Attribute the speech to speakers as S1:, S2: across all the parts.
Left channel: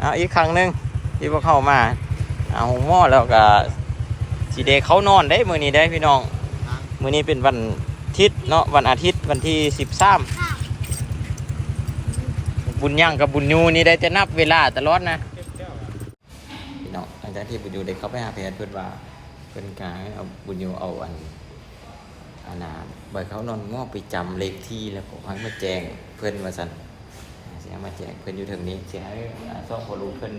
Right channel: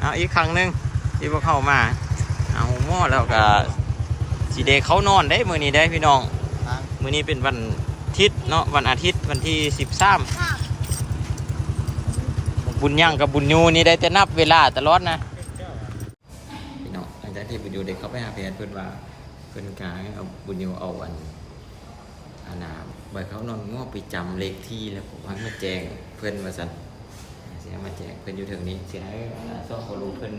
S1: เอาอีกครั้งหนึ่งที่พวกเข้ามาเอาหม้อแล้วก็สีเดเขานอนได้มือนี้ได้พี่น้อง มือนี้เป็นวันอาทิตย์เนาะวันอาทิตย์วันที่สิบสามบุญย่างกับบุญยูนี่ได้แต่นับเวลาตลอดนะพี่น้องหลังจากที่บุญยูได้เข้าไปหาแพทย์เพื่อนว่าเพื่อนกายเอาบุญยูเอาอันอานาใบเขานอนหม้อไปจำเลขที่แล้วก็ให้มาแจ้งเพื่อนมาสันเสียมาแจกเพื่อนอยู่ถึงนี้เสียให้อ่าซ่องโคลูเพื่อน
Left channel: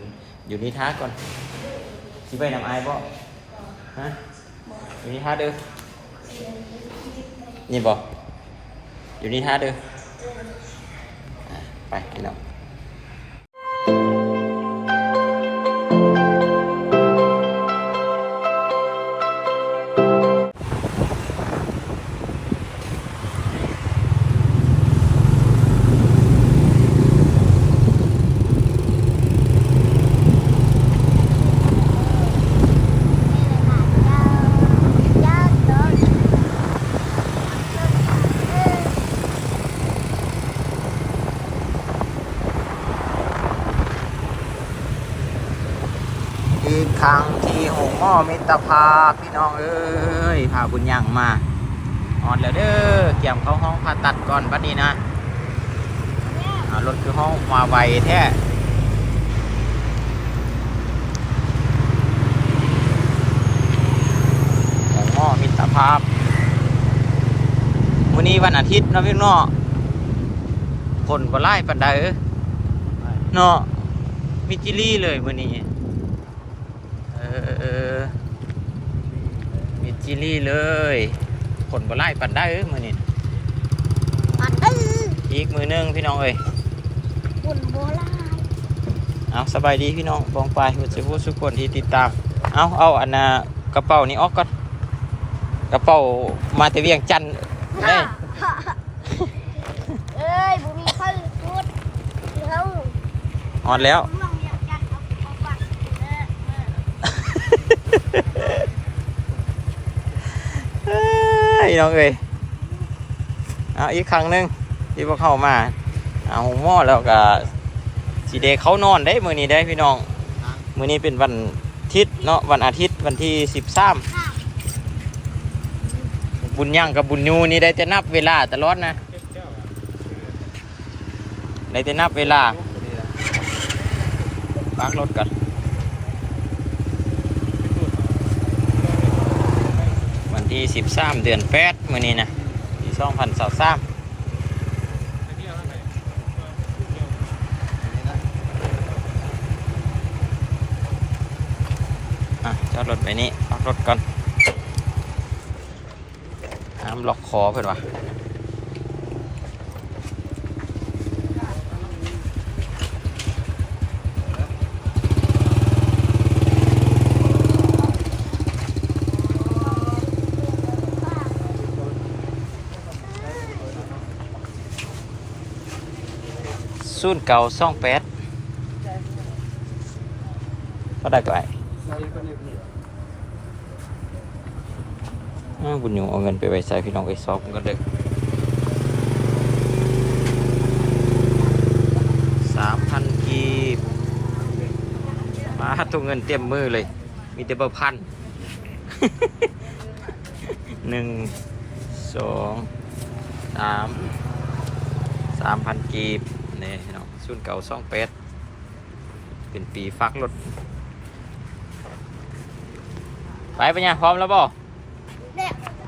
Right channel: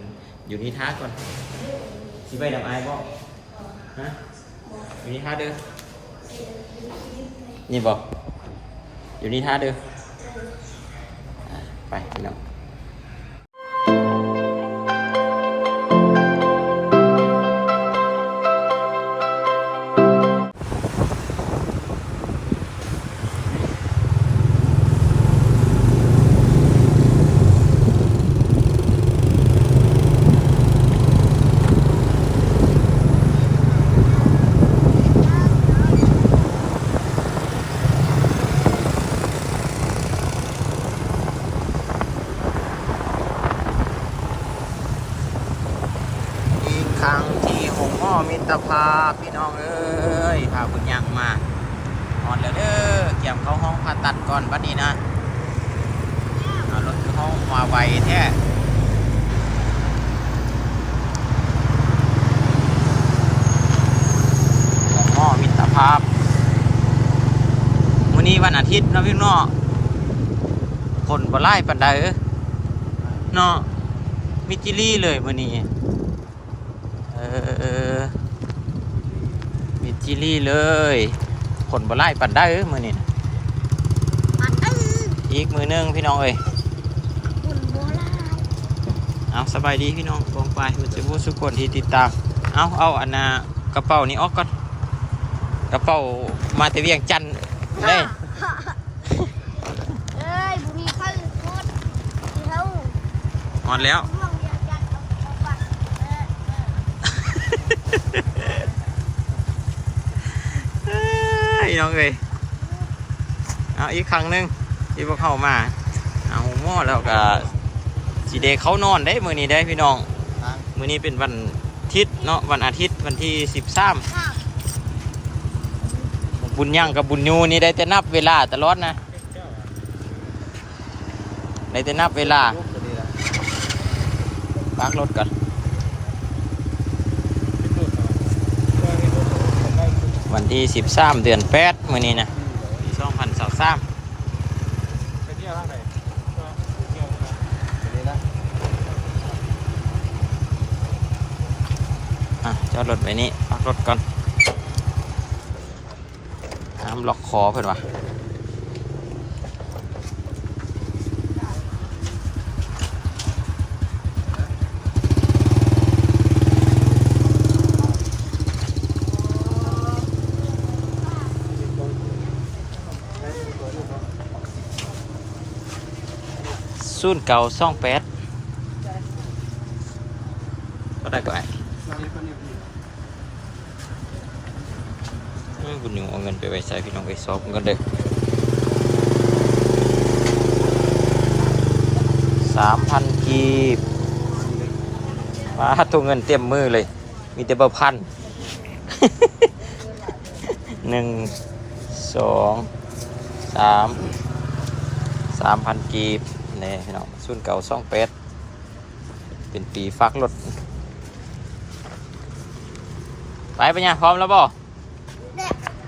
S1: อยู่นี่ท้าก่อนชิไปนำไอ้บ่ฮะอยู่นี่ท้าเด้อนี่บ่อยู่นี่ท้าเด้อไปพี่น้อง บุญยังมาออนแล้วเด้อเกี่ยมเข้าห้องผ่าตัดก่อนบัดนี้นะรถคือห้องมาไวแท้หงอ้อมิตรภาพวันนี้วันอาทิตย์นาะพี่น้องฝนบ่ไล่ปันใดอ้อเนาะมิจิลี่เลยวันนี้เออ เฮ็ดจิลี่เลยผลบ่ไล่ปันได้เอ้ยมือนี่อีกมือหนึงพี่น้องเอ้ย
S2: บุญโบราณ
S1: เอาสบายดีพี่น้องปองไปหัวใจผู้สุกคนที่ติดตาม เอาเอาอันน่ะกระเป๋านี้ออกก่อนกระเป๋ามาแต่เวียงจันทน์ได้
S2: เอ้ยบุญมีข้าวชุดเอา
S1: ฮอดแล้ว
S2: ลองเรียกกันเอาเอาปักเออเอ อ
S1: เอ้ยน้องเอ้ยเอาอีกครั้งหนึ่งที่พวกเข้ามาเอาหม้อแล้วก็สีเดเขานอนได้มือนี้ได้พี่น้อง มือนี้เป็นวันอาทิตย์เนาะวันอาทิตย์วันที่สิบสามบุญย่างกับบุญยูนี่ได้แต่นับเวลาตลอดนะได้แต่นับเวลาปากรถกันวัน ที่สิบสามเดือนแปดมือนี้นะปีสองพันสามอะจอดรถไปนี้พักรถก่อนห้ามล็อกคอเพื่อนวะ ศูนย์เก่าซ่องแปดก็ได้ก็ไอ้อ้าบุญยูเอาเงินไปไว้ใส่พี่น้องไปซอบกันเลยสามพันกีบมาตัวเงินเต็มมือเลย มีแต่เบอร์พันหนึ่งสองสามสามพันกีบ นี่พี่น้องศูนย์เก่าซ่องแปดเป็นปีฟักรถไปปะเนี่ยพร้อมแล้วบ่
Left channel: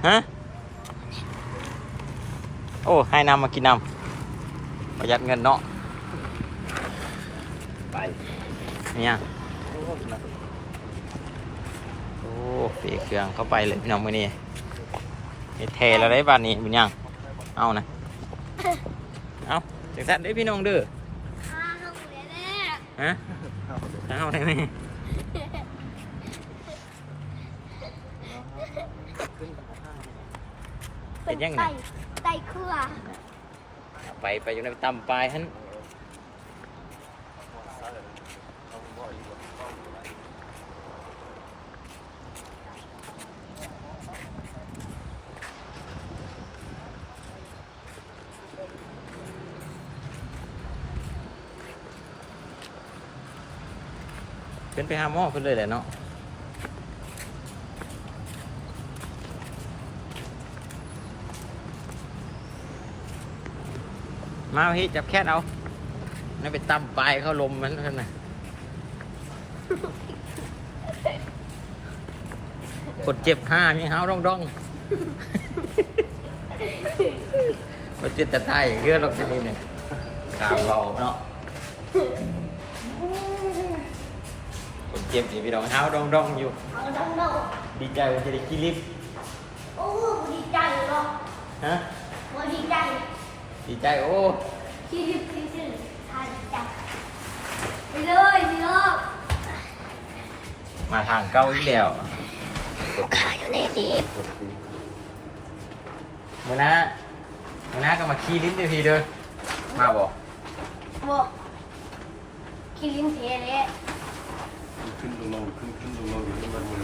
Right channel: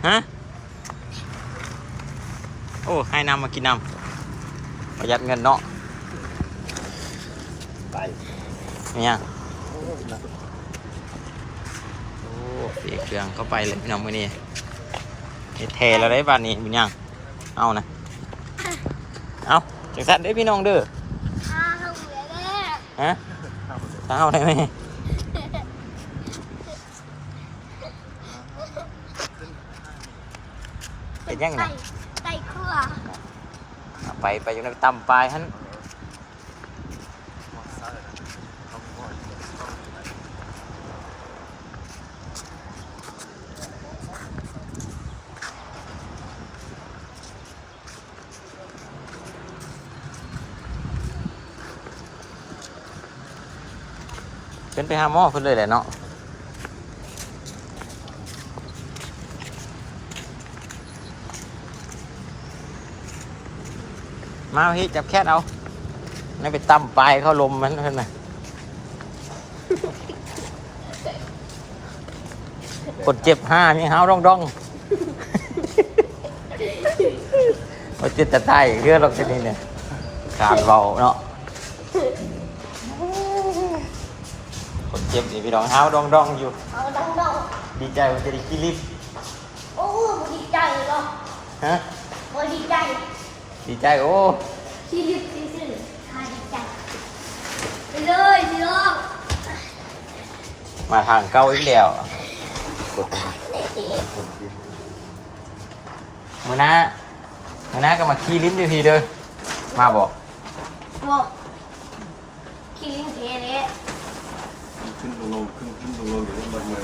S1: ฮะโอ้ให้น้ำมากินน้ำประหยัดเงินเนาะไปเนี่ยโอ้ปีเครื่องเข้าไปเลยพี่น้องมือนี้เทแล้วได้บ้านนี้บุญยังเอานะ จังสันเด้อพี่น้องเด้อ
S2: ข้าวเหลือแล้ว
S1: ฮะเอาได้ไหมเป็นยังไง
S2: ไก่เครือ
S1: เอาไปไปอยู่ในตำปลายฮัน ไปหาหมอเพิ่นเลยแหละเนาะมาพี่จับแคทเอานี่ไปตั้มปลายเข้าลมมันเพิ่นน่ะกดเจ็บห้ามีห้าวร่องร่องเราเจ็บแต่ไตเรื่องเราจะนี่เนี่ยการเบาเนาะ เจ็บนี่พี่น้องห้าวร่องร่องอยู่
S2: เอาดังดอง
S1: ดีใจว่าจะได้กินลิฟต์
S2: โอ้ดีใจเนาะ
S1: ฮะ
S2: โอ้ดีใจ
S1: ดีใจโอ้
S2: ที่ลึกที่สุดทาดีใจไปเลยพี่น้อง
S1: มาทางเก้าอีกแล้วมือหน้ามือหน้าก็มาขี้ลิ้นดีทีเด้อมาบอก
S2: บอกกินเทเลย
S3: ขึ้นลงขึ้นขึ้นลงอยู่ข้างบนมือ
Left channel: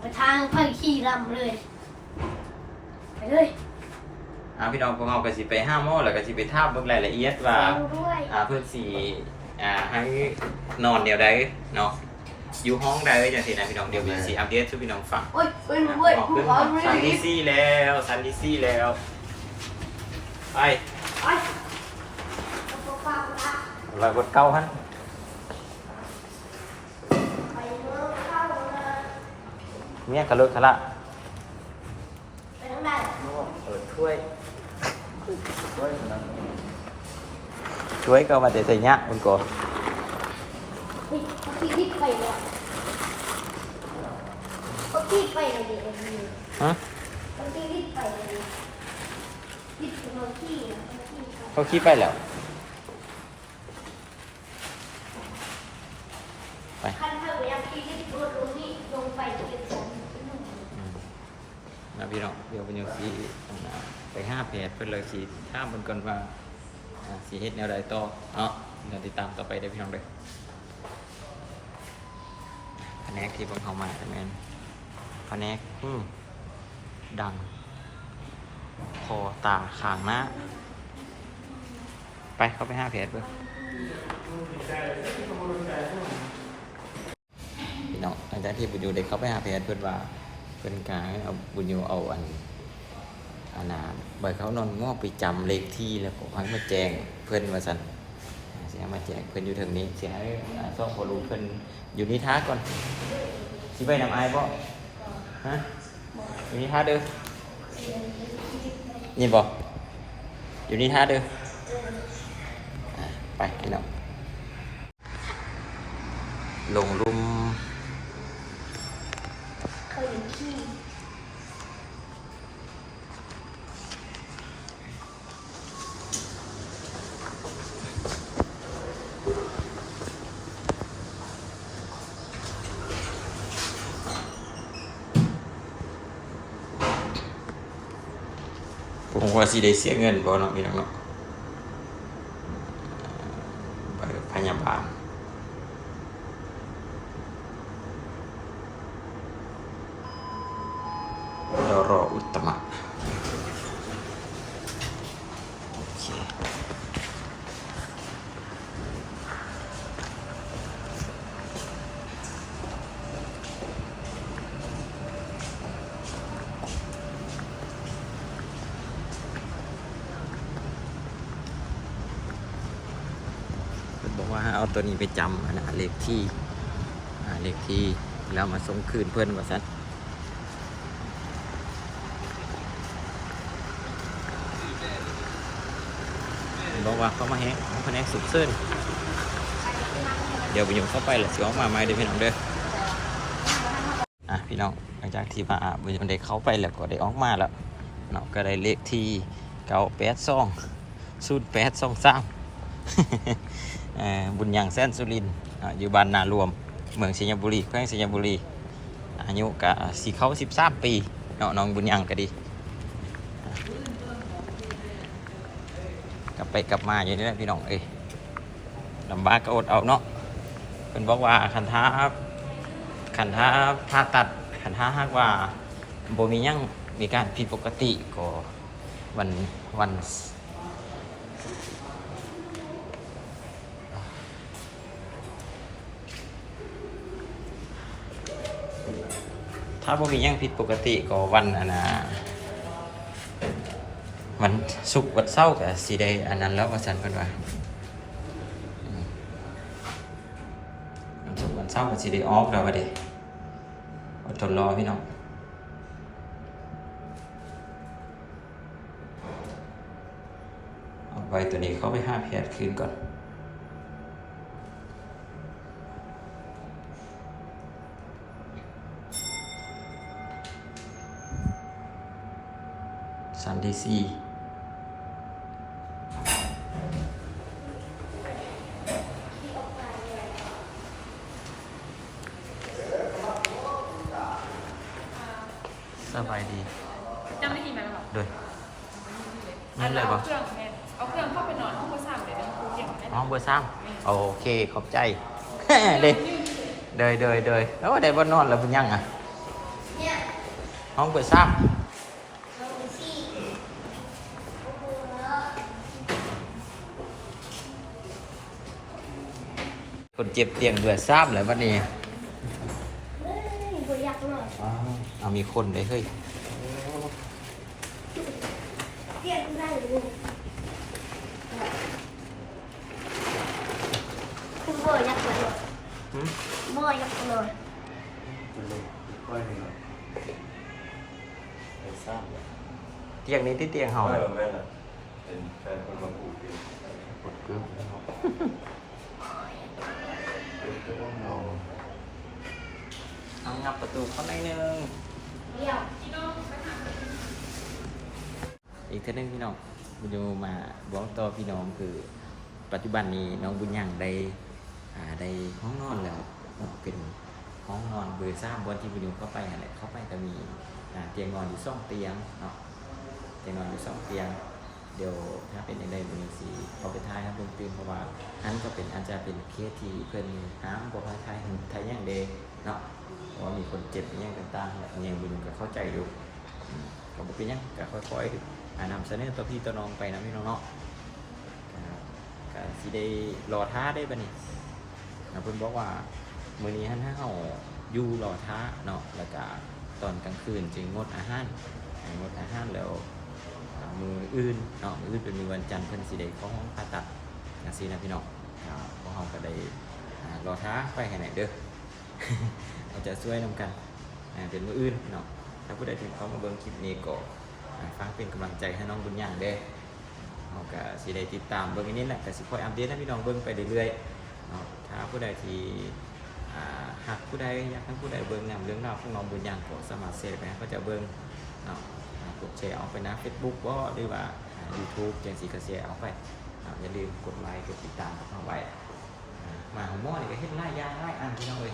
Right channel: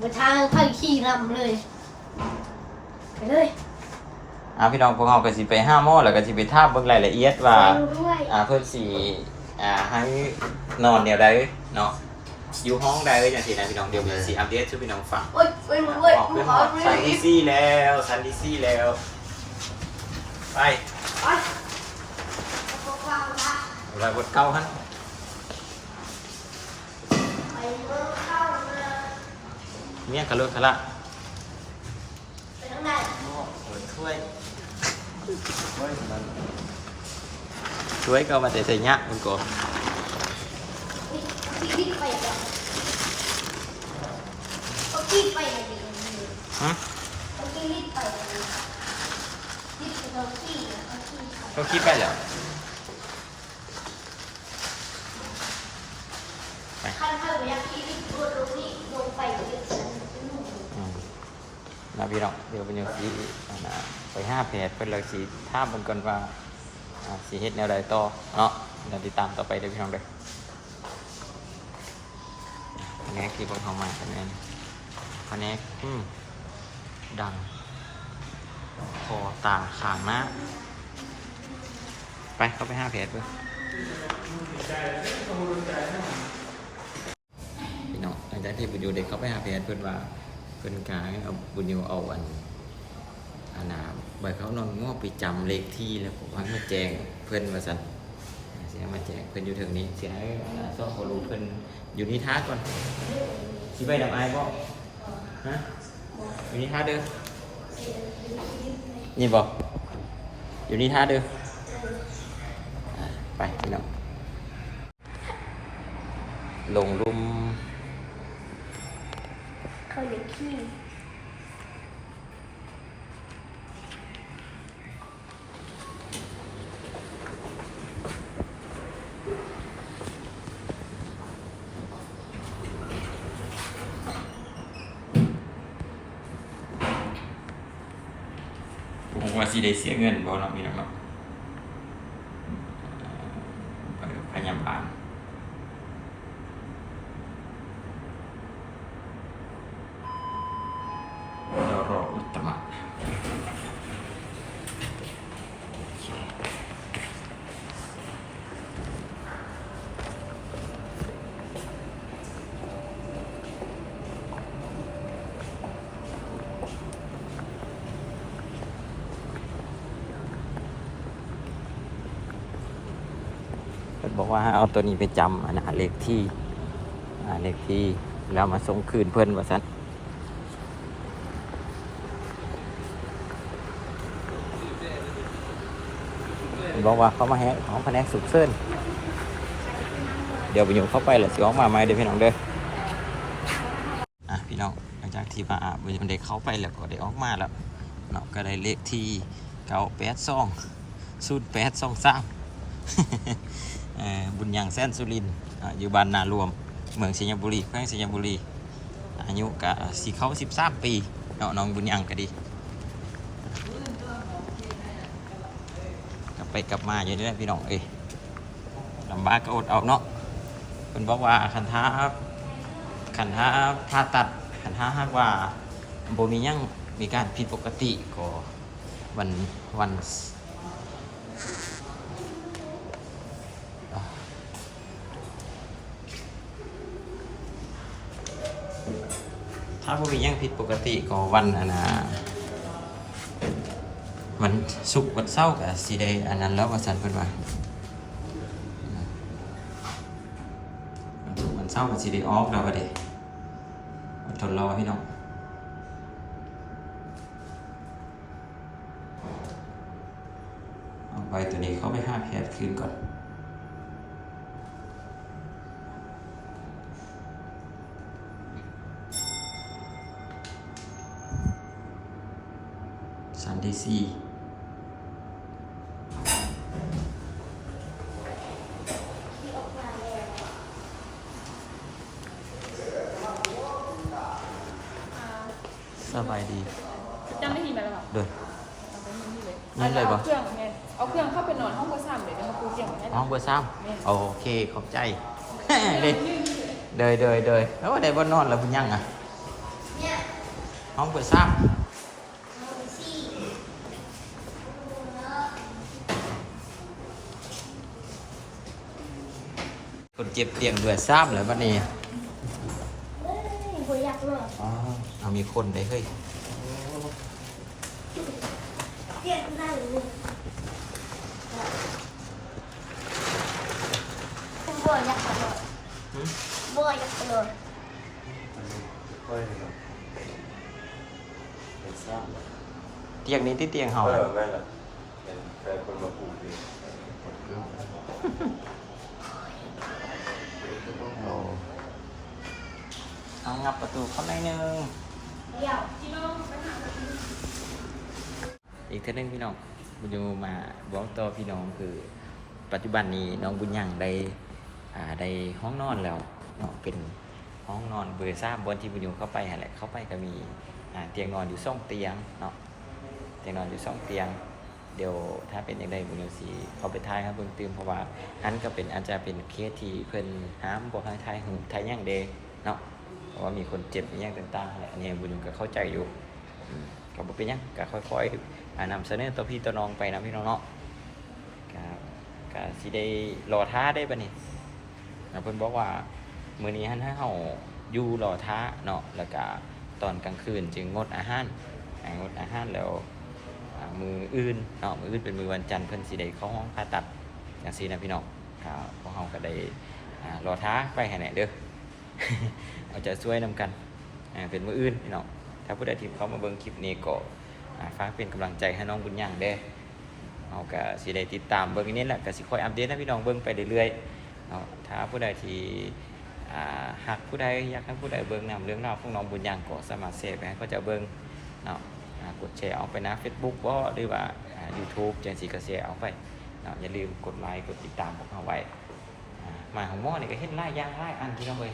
S2: มาทางทางขี่ลำเลย ไปเลย
S1: อ่าพี่น้องพวกเราก็สิไปห้าหม้อแล้วก็สิไปท่าเบิ่งรายละเอียดว่า
S2: ไปด้วย
S1: อ่าเพิ่นสิอ่าให้นอนแนวใดเนาะอยู่ห้องใดอย่างที่นะพี่น้องเดี๋ยวมีสิอัปเดตให้พี่น้องฟัง
S2: โอ้ยโอ้ยโอ้ย
S1: ออก
S2: กู
S1: ขึ้น
S2: ขอ
S1: สัน
S2: รี
S1: ดี
S2: บ
S1: ซี่แล้วสันดีซี่แล้ว ไป
S2: ไป
S1: รอยบทเก้าฮัน
S2: ไปเมืองเข้าเลย
S1: เมียกระเลิกคะละ
S2: ไปทางใด
S1: เออช่วยช่วยก็มาแต่ใส่ยะคุณโก
S2: เฮ้ยพี่คิดไปแล้วก็คิดไปเลย
S1: ฮะ
S2: ก็คิดไปเลยคิดไปตรงที่นะเขาคิดไป
S1: เขาคิดไปแหละ
S2: ขั้นเท่าอยากคิดที่ตัวลงนี่ลงไปเดี๋ยวผมนุ่ม
S1: อืม นะพี่น้องเดี๋ยวเป็นยังสีนะไปห้าแผดเป็นเลยสีท่ามเบิ่งก่อนว่าสีเฮ็ดแนวใดต่อเนาะเราติดตามต่อไปเด้อพี่น้องเด้อแผนกที่เบิ่งเข้ามาคะแนนแผนกอืมดังคอตาขางหน้าไปเข้าไปห้าแผดเบิ่งพี่น้องหลังจากที่บุญยูได้เข้าไปห้าแผดเพื่อว่า เพื่อนกายเอาบุญโยเอาอันอานาใบเขานอนงอไปจำเลขที่แล้วก็ให้มาแจ้งเพื่อนว่าสันเสียมาแจ้งเพื่อนอยู่ทางนี้ เสียให้ซ่อมพอรู้เพื่อนอยู่นี่ท้าก่อนชิไปนำไอ้บ่ฮะอยู่นี่ท้าเด้อนี่บอกอยู่นี่ท้าเด้อไปพี่น้องลงรุม
S2: เคยขี้
S1: ผมว่า สิได้เสียเงินบ่เนาะพี่น้องเนาะเอ่อพยาบาลเรารออุตตมะโอเคเพิ่นบอกว่าให้เอา ตัวนี้ไปจำอันนะเลขที่เลขที่แล้วมาส่งคืนเพื่อนว่าซั่นบอกว่าเขามาแฮกของแผนกสุกเส้นเดี๋ยวไปอยู่เข้าไปแหละสิออกมาไหมเดี๋ยวพี่น้องเด้ออะพี่น้องหลังจากที่มาอะมันได้เข้าไปแล้วก็ได้ออกมาแล้วเนาะก็ได้เลขที่เก้าแปดสองสูตรแปดสองสาม บุญยังแสนสุรินอยู่บ้านนารวม เมืองสิงห์บุรีแขวงสิงห์บุรี อายุกะสีเขาสิบสามปีเนาะน้องบุญยังก็ดีกลับไปกลับมาอยู่นี่แหละพี่น้องเอ้ยลำบากก็อดเอาเนาะเป็นบอกว่าขันท้าขันท้าผ่าตัดขันท้าหากว่าโบมียังมีการผิดปกติก็วันวันาบ่มีหยังผิดปกติก็วันอันน่ะมันสุกร์วันเสาร์ก็สิได้อันนั้นแล้วว่าซั่นเพิ่นว่าวันศุกร์วันเสาร์ก็สิได้ออกแล้วว่าเด้อดทนรอพี่น้องเอาไว้ตัวนี้เข้าไปห้าแพทย์คืนก่อน สันดีซีสบายดี
S4: จำได้ยินไหมล่ะ
S1: โดยนั่นเลยบ่
S4: อาเครื่องไงเอาเครื่องเข้าไปนอนห้องเบอร์สามเลยนะครูเก่งไหม
S1: ห้องเบอร์สามโอเค ขอบใจเด้เดยเดยเดยแล้วได้บ่นอนแล้วเพิ่นยังอะ
S2: เนี่ย
S1: ห้องเบอร์สาม
S2: เราไปซี่
S1: คนเจ็บเตียงเบอร์สามแล้วบัดนี้
S2: เอ้ยบ่อยากหรอก
S1: อ๋อเอามีคนได้เฮ้ย
S2: เรียกได้เลยคุณบ่อยากเลย
S1: หึ
S2: บ่อยากเลย
S3: ค่อยเลย
S1: เตียงนี้ที่เตียงเฮา
S3: เอ
S1: น่ะ
S3: อไม่ละเห็นแฟนคนมาปลูกเอง
S1: เอางับประตูเข้าหน่อยหนึงอีกเท่านึงพี่น้องบุญยูมาบอกต่อพี่น้องคือปัจจุบันนี้น้องบุญยังได้ได้ห้องนอนแล้วเนาะเป็นห้องนอนเบอร์ซ่าบนที่บุญยูเข้าไปแหละเข้าไปก็มีเตียงนอนอยู่สองเตียงเนาะเตียงนอนอยู่สองเตียง เดี๋ยวถ้าเป็นอย่างใดบุญยูสีเอาไปทายครับเบิ่งเติมเพราะว่าอันก็เป็นอาจจะเป็นเคสที่เพิ่นห้ามบอกให้ทายหึงทายย่างเดเนาะเพราะ ว่ามีคนเจ็บอย่างต่างๆแหละอันนี้บุญยูก็เข้าใจอยู่ก็บ่เป็นยังก็ค่อยๆอ่านำเสนอตัวพี่ตัวน้องไปนะพี่น้องเนาะก็ก็สิได้รอท้าได้ปะนี่นะเพิ่นบอกว่ามื้อนี้หันให้เฮาอยู่รอท้าเนาะแล้วก็ตอนกลางคืนจึงงดอาหารงดอาหารแล้วมืออื่นเนาะมืออื่นเป็นมือวันจันทร์เพิ่นสิได้เข้าห้องผ่าตัดอย่างซี่นะพี่น้องก็พวกเฮาก็ได้รอท้าไปให้ไหนเด้อ เอาใจะช่วยนำกันเป็นมืออื่นพี่น้องถ้าผู้ใดที่เข้ามาเบิ่งคลิปนี้ก็อ่าฟังเป็นกำลังใจให้น้องบุญยังเด้เอาก็สิได้ติดตามเบิ่งนนี้แหละก็สิคอยอัปเดตให้พี่น้องเบิ่งไปเรื่อยๆเนาะถ้าผู้ใดที่อ่ากผู้ใดอยากให้ผู้ใดเบิ่งนำเรื่องราวของน้องบุญยังก็สามารถเสพไปให้เขาเจะเบิ่งเนาะกดแชร์เอาไปนะ Facebook บ่หรือว่า YouTube จังสิก็แชร์เอาไปเนาะอย่าลืมกดไลค์กดติดตามพวกเราไว้อ่ามาของหม้อนี่ก็เฮ็ดหลายางหลายอันพี่น้องเอ้ย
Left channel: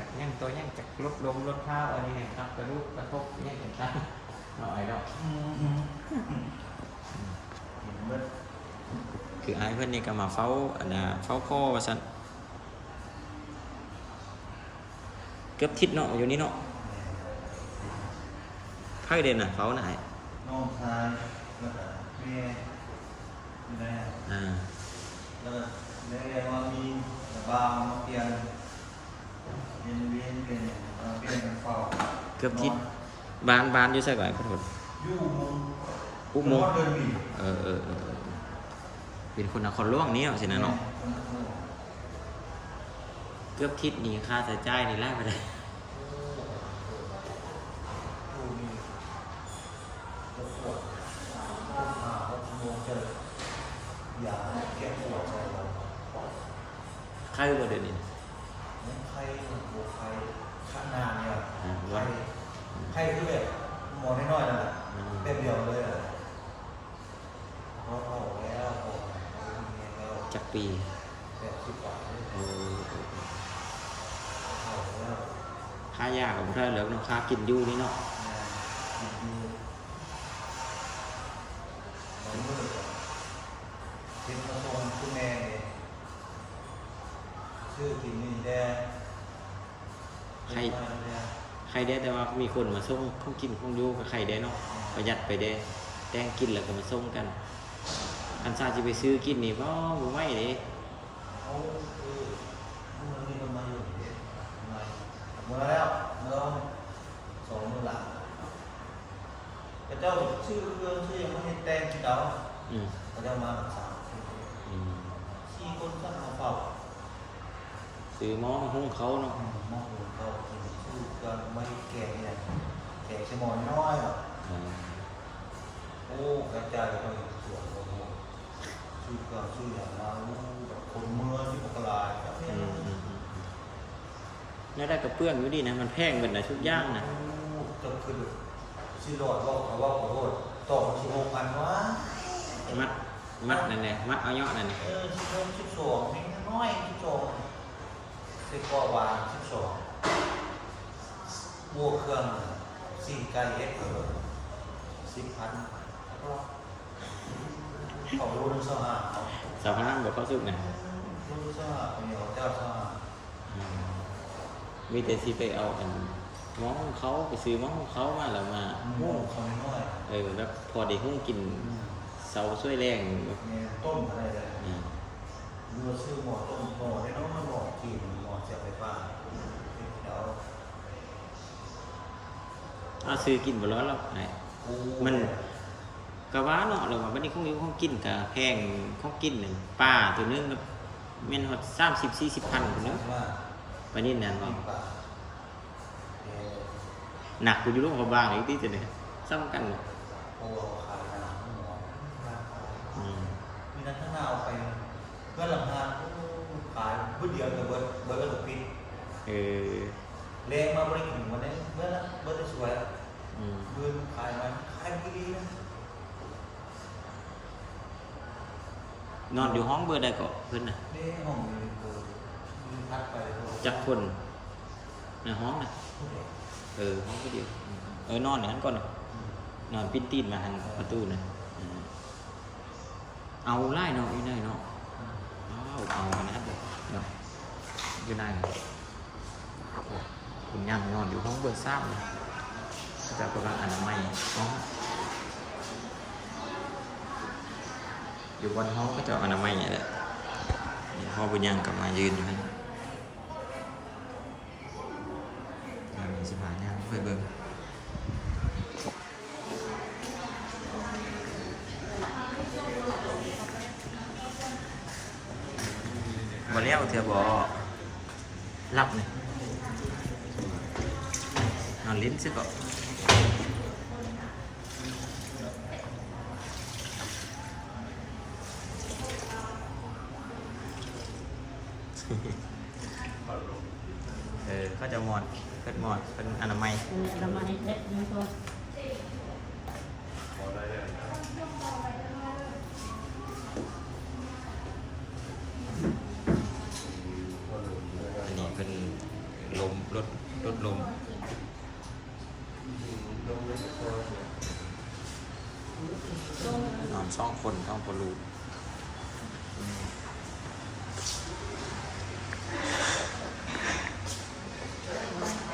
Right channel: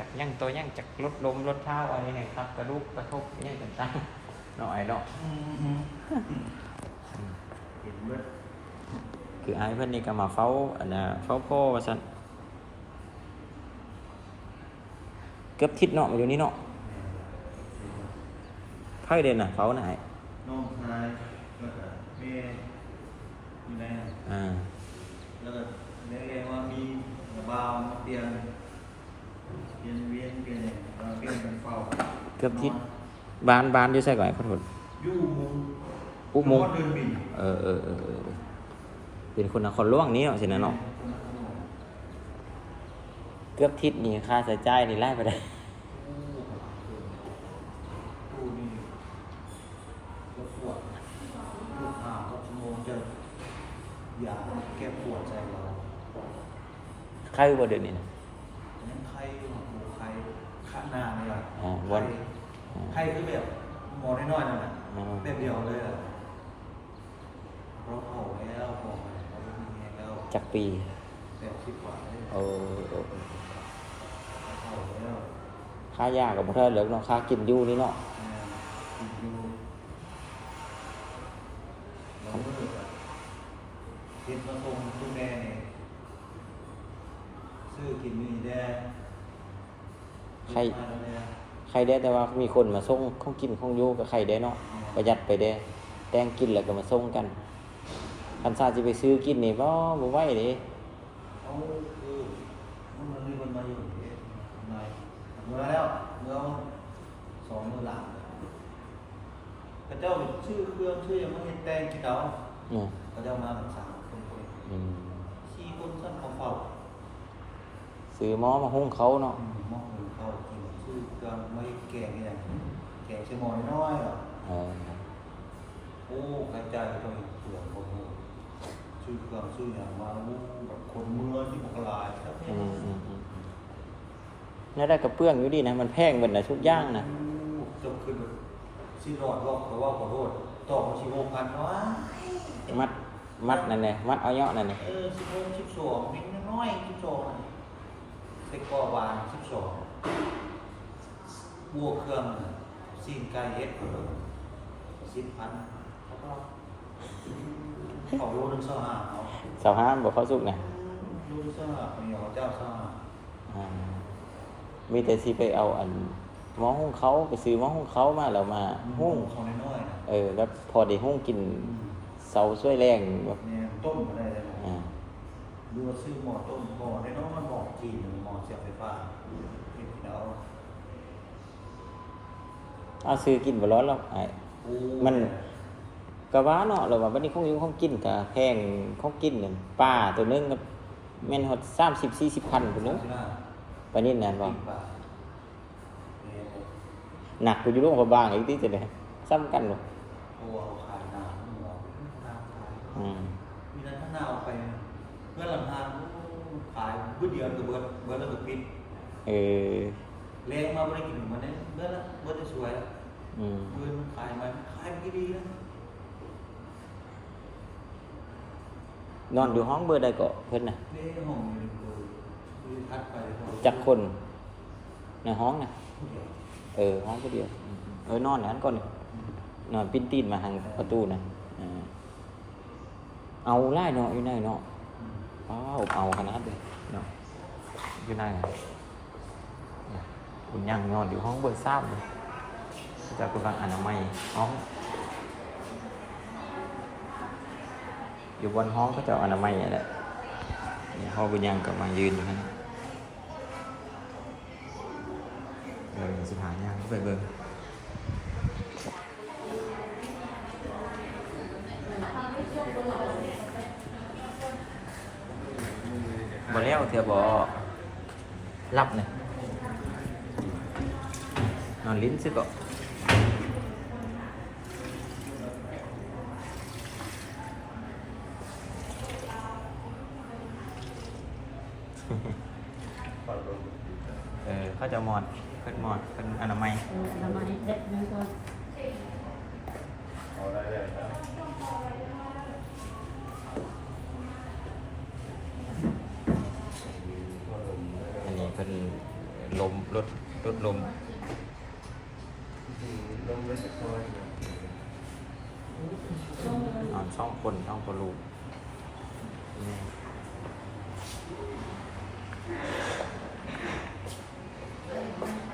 S1: จากยั่งตัวยั่งจากลดลมลดเท้าอะไรเนี่ยครับกระดูกกระทบเนี่ยต่างๆหน่อยเนาะ
S3: เห็นเมื่อ
S1: คือไอ้ายเพื่อนนี่ก็มาเฝ้าอันน่ะเฝ้าพ่อว่าซั่นเกือบทิศเนาะมาอยู่นี่เนาะไพ่เด่นน่ะเฝ้าน่ะไอ้
S3: น้องชายแล้วก็แม่มีอะไรอะ
S1: อ่า
S3: แล้วก็แม่เรียกว่ามีระบาวมาเปลี่ยน เปลี่ยนเวียนเปลี่ยนอย่างมาเปลี่ยนเป็นเฝ้า
S1: เกือบทิศบ้านบ้านอยู่ใช่ก่อนไอ้พุ่นพุ่น
S3: ยู่มุง
S1: อุโมงค์
S3: นเดินบิน
S1: เออเออเออเออเป็นคนนครหลวงนี่เนาะสินะเนาะเกือบทิศนี่ค่าใช้จ่ายนี่ไล่ไปได้
S3: ดูนี่แล้วปวดปวดขาหกชั่วโมงเจอยาแก้ปวดใจเรา
S1: ใครบ่เด่นนี่
S3: เนี่ยไข้บวกไข้ขะหนาเนี่ย
S1: อ่า
S3: ไข้ ไข้ที่แบบหมอน้อยๆนั่นแหละ
S1: อืม
S3: แบบเดียวเลยอะเราเผาแล้วพอเราไม่มีแรงแล้ว
S1: จักปี
S3: แปดสิบกว่าเลย
S1: โอ้โอ้
S3: เผาแล้ว
S1: ค่ายากับบ่เท่าเหลือเนาะค่ากินอยู่นี่เนาะ
S3: แม่กินอยู่เราเมื่อกับเห็นมาส่งผู้แม่เนี่ยชื่อกินนี่แดง
S1: ใคร
S3: เดินมาแล้วเนี่ย
S1: ใครได้แต่ว่ามีคนมาส่งข้องกินข้องอยู่กับไข่ได้เนาะประหยัดไปได้แต่งกินแล้วก็มาส่งกันคันซาจะไปซื้อกินนี่บ่บ่ไหวเด้
S3: เขาคือมันมีคนมาอยู่เหนมือแล้วเมื่อสองเมื่อหลังพระเจ้าชื่อเครื่องชื่อยังไม่ได้แต่งที่เดาพระเจ้ามาแบบสั่งขี้คนสั่งเขาเป่า
S1: ซื้อหม้อมาหุ้งเขาเนาะ
S3: อืมมองดูเขากินชื่อเครื่องไม่แกงเนี่ยแกงชั่วโมงน้อยๆแบบ
S1: เออ
S3: โอ้กระจายไปเสือกโอ้โหชื่อเครื่องชื่ออย่างมาลูแบบคนเมืองที่บอกลายจับ
S1: อื
S3: เนี่ย
S1: มอืมอืมอืมเนี่ยได้กระเปื้องอยู่ดีนะมันแพงเหมือนนะชุดย่างนะ
S3: จำขึ้นแบบชื่อหลอดบอกเขาว่าขอโทษต่อมาชิโหกพันวะ
S1: มัดมัดนั่นแหละมัดเอาเยาะนั่นนี่
S3: เออชิโหกสิบสองมิ้งน้อยสิบสอง เซ็กกอวานสิบสองบัวเครื่องสิ่งกายเย็ดสิบพันแล้วก็เขารู้เรื่องสหาเอา
S1: สาวห้ามบอกเขาสุกนะ
S3: รู้เรื่องสหาเขาเหนียวเจ้าสหา
S1: อ่ามีแต่สิไปเอาอันหม้อหุ้งเขาไปซื้อหม้อหุ้งเขามาแล้วมา
S3: หุ้
S1: หุ้
S3: ง
S1: ง
S3: เขาน้อยๆนะ
S1: เออแล้วพอได้หุ้งกินเสาช่วยแรงแบบ
S3: เนี่ยต้มก็ได้แล้วนะ
S1: อ่า
S3: ดูว่าซื้อหม้อต้มหม้อได้เน้องมันหม้อจีนหม้อเสียบไฟฟ้าเป็นที่เรา
S1: เอาซื้อกินบ่ร้อนหรอกไอ้
S3: โอ้
S1: มันกะว่าเนาะเราว่าวันนี้ของอยู่ของกินกะแพงของกินนั่นป้าตัวนึงก็แม่นฮอด30 40พันพุ่นเด้อ
S3: ใช่ไหม
S1: ปานนี้นั่นบ่
S3: กินปลาเนี่ยเนี่ย
S1: หนักไปอยู่โรงพยาบาลอีกที่จะได้ซ้ำกันบ่
S3: เพราะว่าเขาขายน้ำหม้อน้ำขาย
S1: อืม
S3: มีนั้นถ้าหน้าเอาไปเพื่อนลำพานขายเพื่อเดียวกับเบิร์ดเบิร์ดแล้วก็ปิด
S1: เออ
S3: แรงมาบริกินถึงวันนี้เบิร์ดละเบิร์ดจะสวยละ
S1: อืม
S3: เงินมันขายมาขายไม่ดีนะ
S1: นอนอยู่ห้องเบอร์ใดก็เพิ่นน่ะ
S3: นี่ห้องนี้คือยืนพัดไปเลยครับ
S1: จักคนในห้องน่ะ
S3: ผู้เดียว
S1: เออ ห้องก็เดียวอืมเออนอนอย่างนั้นก่อน
S3: อืม
S1: นอนปิ้นตีนมาทางประตูนะอืมเอาไล่เนาะอยู่ไหนเนาะ
S3: อืม
S1: อ้าวเอาขนาดเลยเนาะ อยู่ไหนนะคุณยังนอนอยู่ห้องเบอร์สามเลยจะกำลังอ่านออกมาห้องอยู่บนห้องก็จะเอาอนามัยเนี่ยแหละนี่พ่อบุญยังก บมายืนอยู่นั่นเออสิหาย่างไปเบิ่งบ่แล้วเธอบ่รับเนี่ยนอนลิ้นซิก็เออเขาจะหมอดเพิ่นหมอดเป็นอนามัย
S2: เรามาเด็ดเนื้อตัว
S1: อันนี้เพิ่นลมลดลดลมนอนสองคนสองคนลูกอืม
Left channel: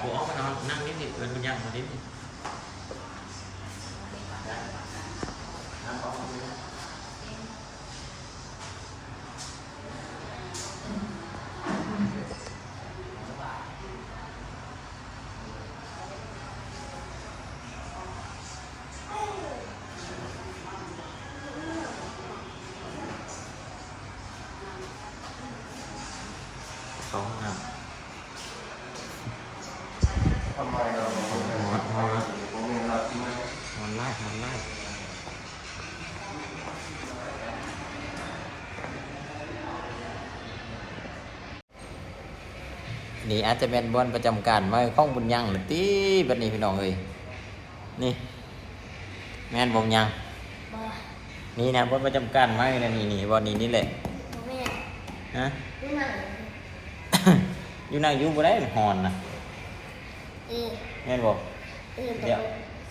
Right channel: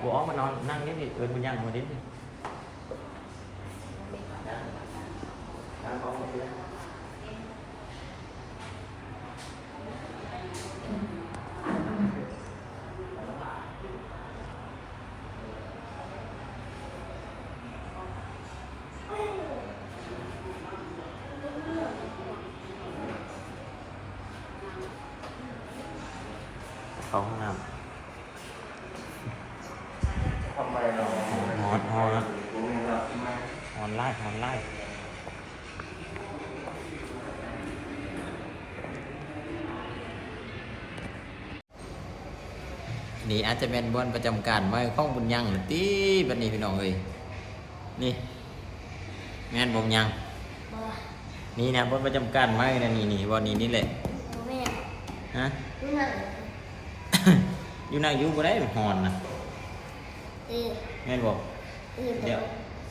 S1: กูออกมา นอนนั่งนี่ดิเอินมันย่างคนนี้ดิเนี่อาจจะเป็นบอลประจำการไว้ข้องบุญยังหรือตีบัดนี้พี่น้องเอ้ยนี่ แม่นบงยัง
S2: บ่
S1: นี่นะบอลประจำการไว้นะนี่นี่บอลนี้นี่แหละ
S2: ตัวแม่
S1: ฮะ
S2: ดูหนัง
S1: อยู่นั่งอยู่บ่ได้มันหอนนะ
S2: เออ
S1: แม่นบอก
S2: เออ
S1: เดี๋ยว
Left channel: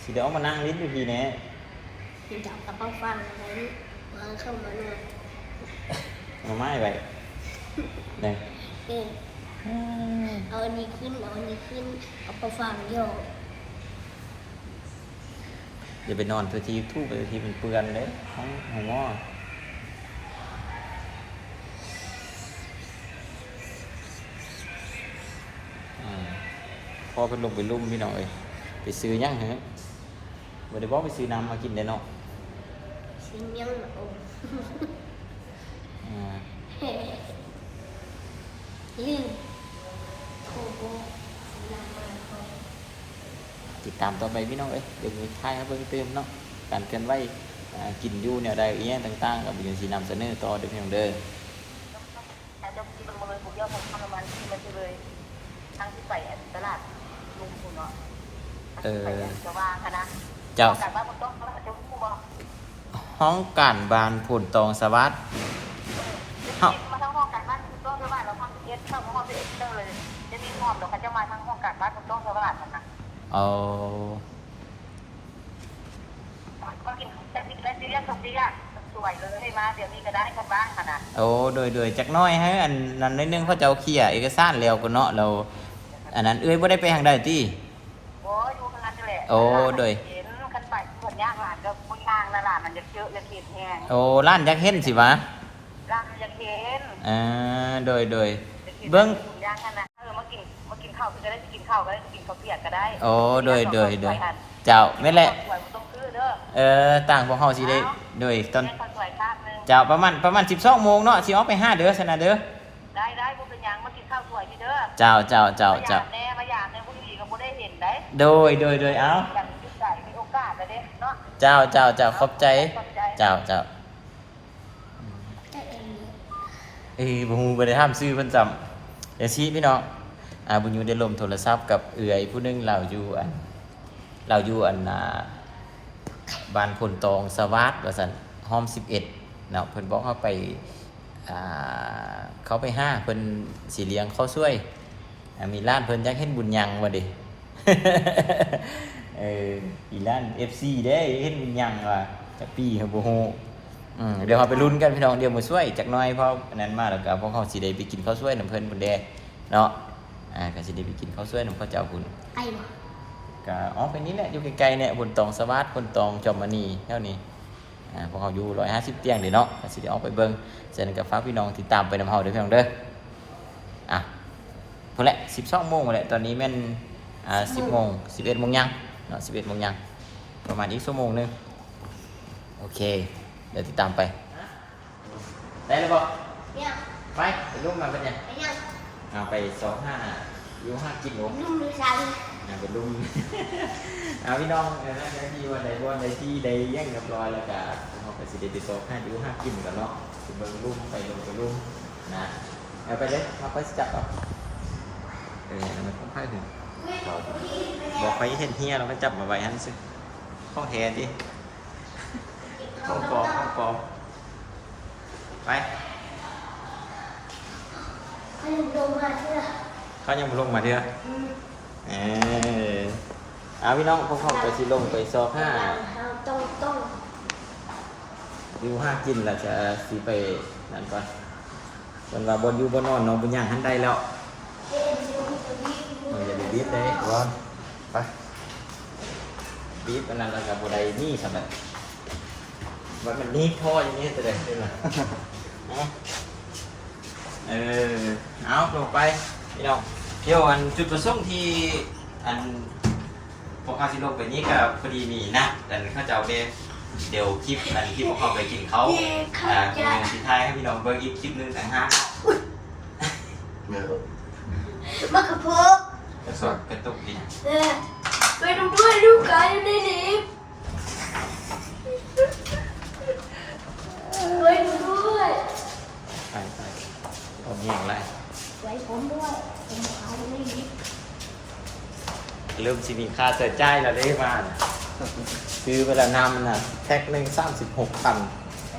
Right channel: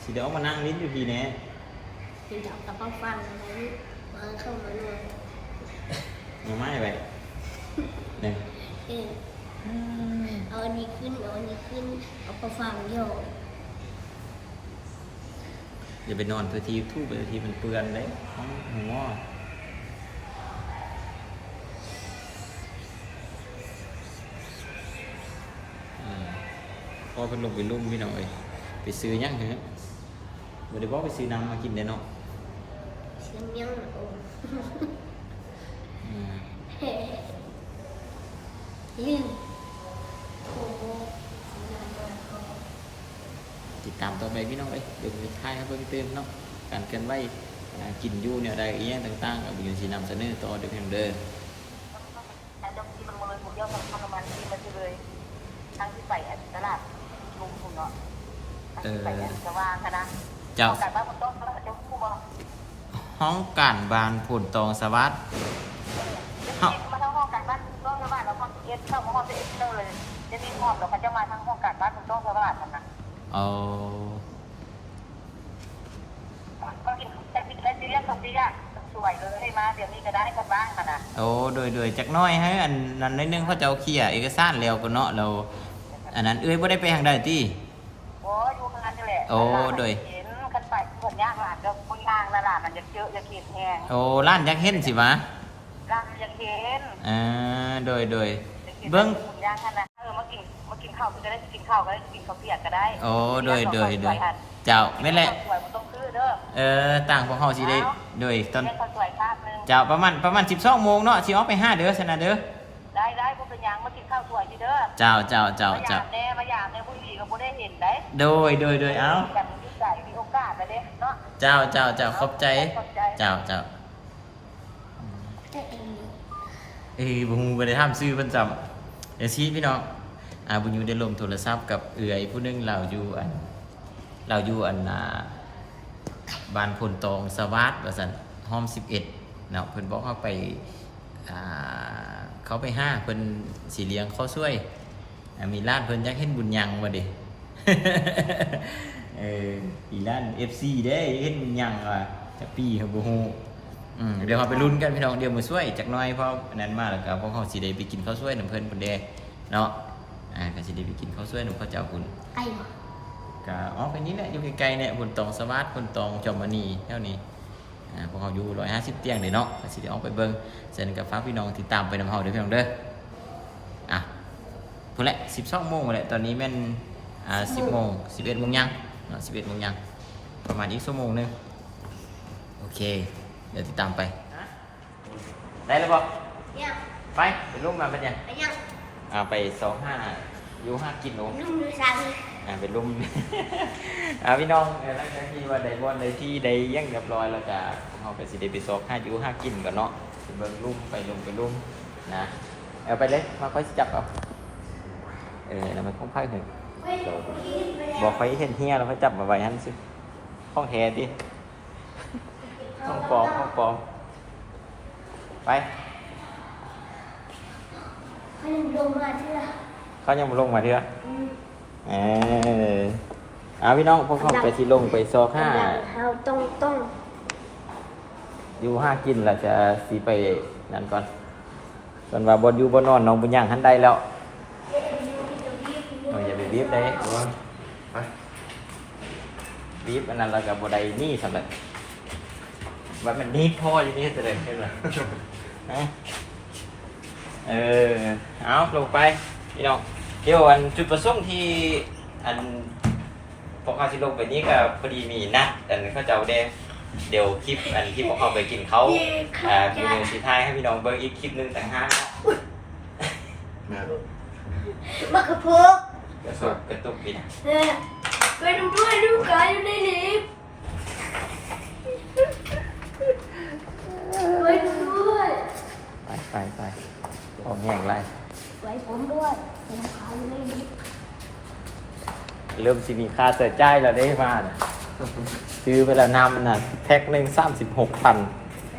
S1: สิเดี๋ยวเอามานั่งลิ้นอยู่พี่แน่
S2: คือจับกระเป๋าฟังอะไรวางเข้ามาหน่อย
S1: มาไม้ไปเนี่ย
S2: เออเอาอันนี้ขึ้น เอาอันนี้ขึ้น เอากระฟังโยก
S1: อย่าไปนอนตัวทีทูบไปตัวทีมันเปื้อนเลยห้องหัวอ่าพอเป็นลงไปลุ่มพี่น้องเอ้ยไปซื้อยังฮะบ่ได้บอกไปซื้อน้ำมากินได้เนาะ
S2: ชื่อเมียงโอ้
S1: อ่า
S2: ลินโคโบนำมาโค
S1: ติดตามต่อไปพี่น้องเอ้ยเดี๋ยวมีท้ายครับเพิ่งเติมเนาะการเคลื่อนไหวอ่ากินอยู่แนวใดอีหยังต่างๆก็บ่อยู่สินำเสนอต่อเด้อพี่น้องเด้อ
S5: แต่จะกินมันมาเลยผมเยอะของทางมันที่มันจะเลยทางที่ไปตลาดลุงคุณเนาะทางที่ไปจะวางค่ะนะ
S1: เจ้า
S5: แต่ว่าผมต้องต้องต้องผู้บอก
S1: ห้องการบานผลตองสวัสดิ์เอ้า
S5: มาทั้งห้องการบ้านคุณต้องเท่าบ้านเราห้องเอสเข้าห้องเอสเลยจะมีห้องเดี๋ยวเขาจะมาทั้งห้องการบ้านคุณต้องเท่าบ้านกันนะ
S1: เอา
S5: ก็กินจะกินแล้วซีเรียสตรงนี้อะสวยเลยให้มาเดี๋ยวนี้ก็ได้กันบ้างค่ะนะ
S1: โอ้โดยโดยจักหน้อยให้อันนั้นนิดนึงเขาจะเอาเคลียร์เอกสารแล้วก็เนาะเรา อันนั้นเอ้ยบ่ได้ไปทางใดติ
S5: โอ้ดูขนาดนี้แหละ
S1: โอ้โดย
S5: เห็นกันไปคนยากหลานจะคนยางละหลานมันจะเยอะจะติดแห้ง
S1: โอ้ร้านยักษ์เห็นสิวะ
S5: ร่างจะเห็น
S1: อ่าโดยโดยเบิ้ง
S5: คุณย่าง กันนะเออมากินมากินข้าวก็จะได้กินข้าวก็ได้กินข้าวเปียกก็ได้
S1: โอ้โดยโดยโดยเจ้าไม่นแหละ
S5: สวยมันต้องซื้อเด้อ
S1: เออต่างพวกเฮาสิได้โดยตอน
S5: ได้ข้าวสวยข้าวนึง
S1: เจ้าประมาณประมาณ12โมงเนาะสิออกไปห้าเด้อซะนะเด้อ
S5: ได้ได้พวกเป็นยังมากินข้าวสวยที่เด้อ
S1: เจ้าเจ้าเจ้า
S5: มาอ
S1: เจ้า
S5: ยากแน่มาอยากในผู้หญิงก็บ่ได้เห็นได้
S1: โดยโดยโดยเอา
S5: แบบมีใจมีโอกาสไปเด้เนาะ
S1: เจ้าเจ้าเจ้าขอบใจเจ้าเจ้า
S2: แต่เอง
S1: เอ้ยบ่ฮู้บ่ได้ถามชื่อเพิ่นจำเดี๋ยวชี้พี่น้อง อาบุญยูได้ลมโทรศัพท์กับเอือยผู้หนึงเราอยู่อันเราอยู่อันน่ะบ้านพลตองสวัสดิ์ว่าซั่นห้อม11เอ็ดเนาะเพิ่นบอกเขาไปอ่าเขาไปห้าเพิ่นสิเลี้ยงข้าวสวย มีร้านเพิ่นอยากเห็นบุญยังว่าดิเอออีร้าน FC เด้เห็นบุญยังว่าจะปีเขาบ่ฮู้เดี๋ยวเราไปลุ้นกันพี่น้องเดี๋ยวมือช่วยจากน้อยเพราะอันนั้นมาแล้วก็พวกเขาสิได้ไปกินข้าวช่วยน้ำเพิ่นบนแดเนาะ อ่าก็สิได้ไปกินข้าวช่วยน้ำข้าวเจ้าคุณ
S2: ไอ้บ่
S1: ก็อ๋อเป็นนี้แหละอยู่ไกลๆเนี่ยบนตองสวัสดิ์บนตองจอมมณีเท่านี้อ่าพวกเขาอยู่ร้อยห้าสิบเตียงเดี๋ยวเนาะก็สิได้ออกไปเบิ่งเสร็จกับฟ้ากพี่น้องติดตามไปนำเฮาเด้อพี่น้องเด้ออะพอแหละสิบสองโมงแหละตอนนี้แม่นอ่าสิบโมงสิบเอ็ดโมงยังเนาะสิบเอ็ดโมงยังประมาณอีกชั่วโมงหนึงโอเค เดี๋ยวติดตามไป ได้แล้วบอก
S2: เนี่ย
S1: ไปไปลุ่มมาเป็นยัง
S2: ไปยัง
S1: อ่าไปสองห้ายูห้ากิโล
S2: นุ่มดูซัน
S1: อ่าไปลุ่ม อ่าพี่น้องเออหลังจากที่ว่าได้บอลได้ที่ได้เยังเรียบร้อยแล้วก็เราไปสิได้ไปสอบห้ายูห้ากินก่อนเนาะสิเบิ่งลุ่มไปลงไปลุ่มนะเอาไปเลยเราก็สิจับเอาเออแล้วมันพ้องไพ่ถึงเราบอกไปเห็นเฮียเราก็จับมาไว้ฮันสิห้องแท้ดิห้องปลอมห้องปลอมไป
S2: ให้ลุงโดมาเชื่อ
S1: เขายังบ่ลงมาเถอะเออเอาพี่น้องพวกเขาจะสิลงไปโซฟา
S2: เราต้องต้อง
S1: อยู่ห้ากินแล้วจะสิไปนั่นก่อนมันว่าบนอยู่บนนอนน้องบุญย่างหันได้แล้วเอออย่าไปบีบได้นอนไปบีบอันนั้นแล้วกับบนใดนี่สำหรับว่ามันนี่ท่ออย่างนี้เลยเออ เอาลงไปพี่น้องเดี๋ยวอันจุดประสงค์ที่อันพวกเขาสิลงไปนี้ก็พอดีมีนะ แต่เขาจะเอาเดเดี๋ยวคลิปอันที่พวกเขาไปกินเขาอ่าคุณลงสิท้ายให้พี่น้องเบิ่งอีกคลิปหนึงต่างหาก
S2: มากระโปง
S1: กระสดกระตุกนี่นะ
S2: เนี่ยไปดูเพื่อนดูกันอยู่ในนี้ไปดูด้วย
S1: ไปไป เอาแง่งไร
S2: ไปผมด้วยผมขายในนี้
S1: เริ่มสิมีค่าเสียใจายแล้วได้มาซื้อเวลานำนะแพ็คหนึ่งสามสิบหกพัน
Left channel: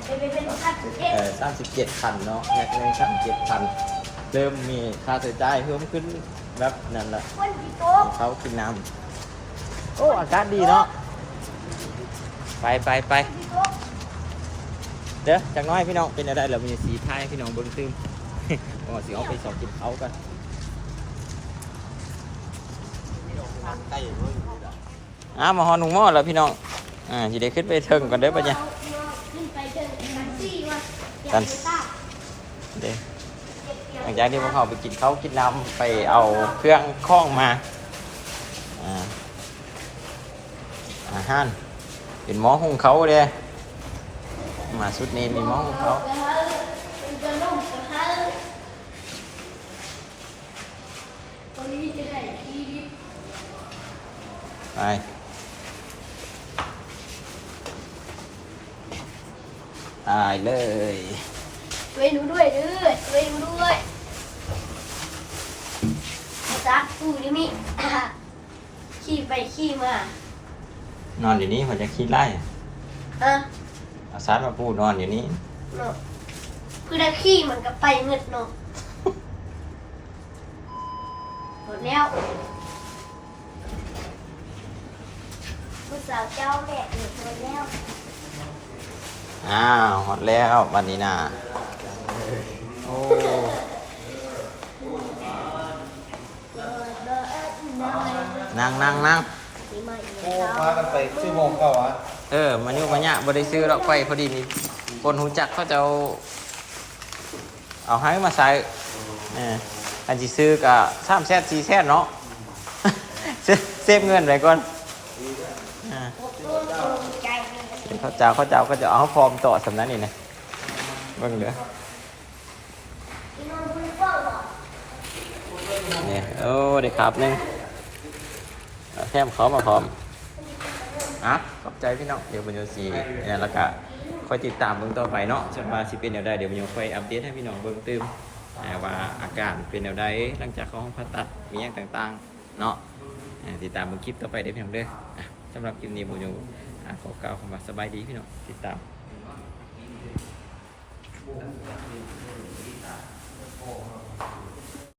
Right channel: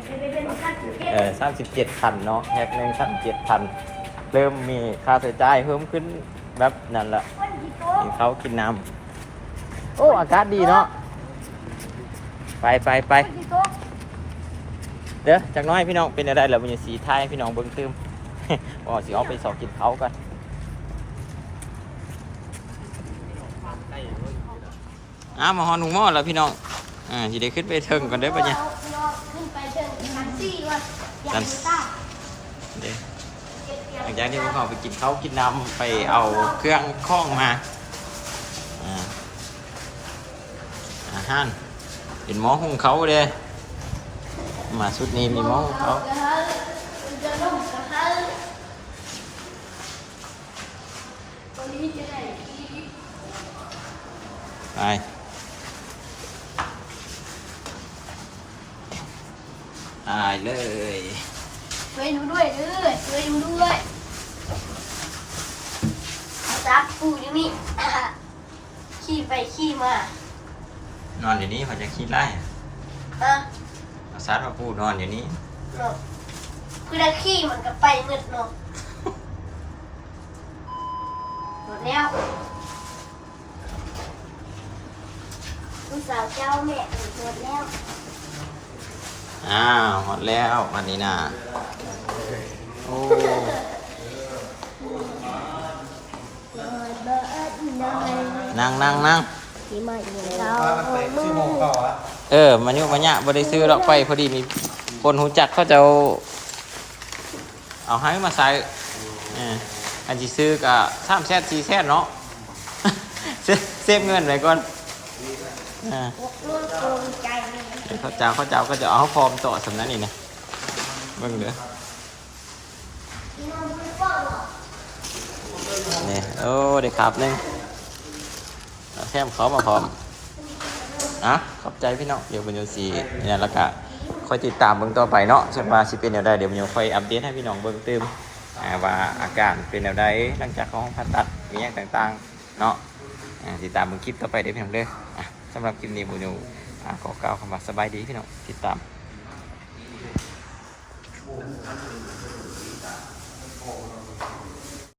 S2: ไปเป็นพันเอ็ด
S1: เออสามสิบเจ็ดพันเนาะแพ็คหนึ่งสามสิบเจ็ดพันเริ่มมีค่าใช้จ่ายเพิ่มขึ้นแบบนั้นละ
S2: วันที่โต
S1: ให้เขากินน้ำโอ้อากาศดีเนาะไปไปไป
S2: วันที่โต
S1: เด้อจากน้อยพี่น้องเป็นอะไรแล้วมันจะสีท้ายให้พี่น้องเบิ้งตืม อ๋อสิเอาไปสอบกินเขากันอ้าวมาฮอนหนุ่มหม้อแล้วพี่น้องอ่าสิได้ขึ้นไปเทิงก่อนเด้อปะเนี่ย
S2: ขึ้นไปเจอมันจี้ก่อนอ
S1: กั
S2: ยานกไปต้า
S1: เด้อหลังจากที่พวกเขาไปกินเขาวกินน้ำไปเอาเครื่องคล้องมาอ่าอาหารเป็นหมอของเขาเด้มาสุดนี้มีหมอของเขา
S2: จะนุ่มกระทะตัวนี้จะได้ที่
S1: ไปตายเลย
S2: ช่วยดูด้วยเด้อช่วยดูด้วยรักกูอยู่นี่ขี่ไปขี่มาน
S1: อนอยู่นี่เขาจะคิดไล่
S2: เออ
S1: เอาซัดมาพูดนอนอยู่นี่
S2: เนาะคือถ้าขี่มันก็ไปเงิดเนาะหมดแล้วลูก สาวเจ้าแม่เออหมดแล้ว
S1: อ้าวหมดแล้ววันนี้น่ะโอ้นั่งนั่งนั่ง
S2: นี่มาอีก
S3: โอ้
S2: แล้ว
S3: พากันไปชื่อโมงเก่าอะ
S1: เออมันอยู่มันเนี่ยบริซื้อหรอกไปพอดีมีคนหูจักเขาจะเอาเอาให้มาใส่เอออันที่ซื้อกับสามแซดสี่แซดเนาะเซฟเซฟเงินไว้ก่อน อ่า
S2: ร่วมตรงใจ
S1: เดี๋ยวเขาเจ้าเขาเจ้าก็จะเอาฟอร์มต่อสำนักนี่นะเบิ่งเด้อเนี่ยโอ้เด็กครับหนึ่งเอาแถมเขามาพร้อมอะขอบใจพี่น้องเดี๋ยวบุญโยสีเนี่ยแล้วก็คอยติดตามเบิ่งต่อไปเนาะส่วนว่าสิเป็นแนวใดเดี๋ยวบุญโยค่อยอัปเดตให้พี่น้องเบิ่งเติมว่าอาการเป็นแนวใดหลังจากเขาห้องผ่าตัดมีอย่างต่างๆ เนาะติดตามเบิ่งคลิปต่อไปเด้อพี่น้องเด้ออะ สำหรับคลิปนี้บุญโยอ่าขอกล่าวคำว่าสบายดีพี่น้องติดตาม
S3: โ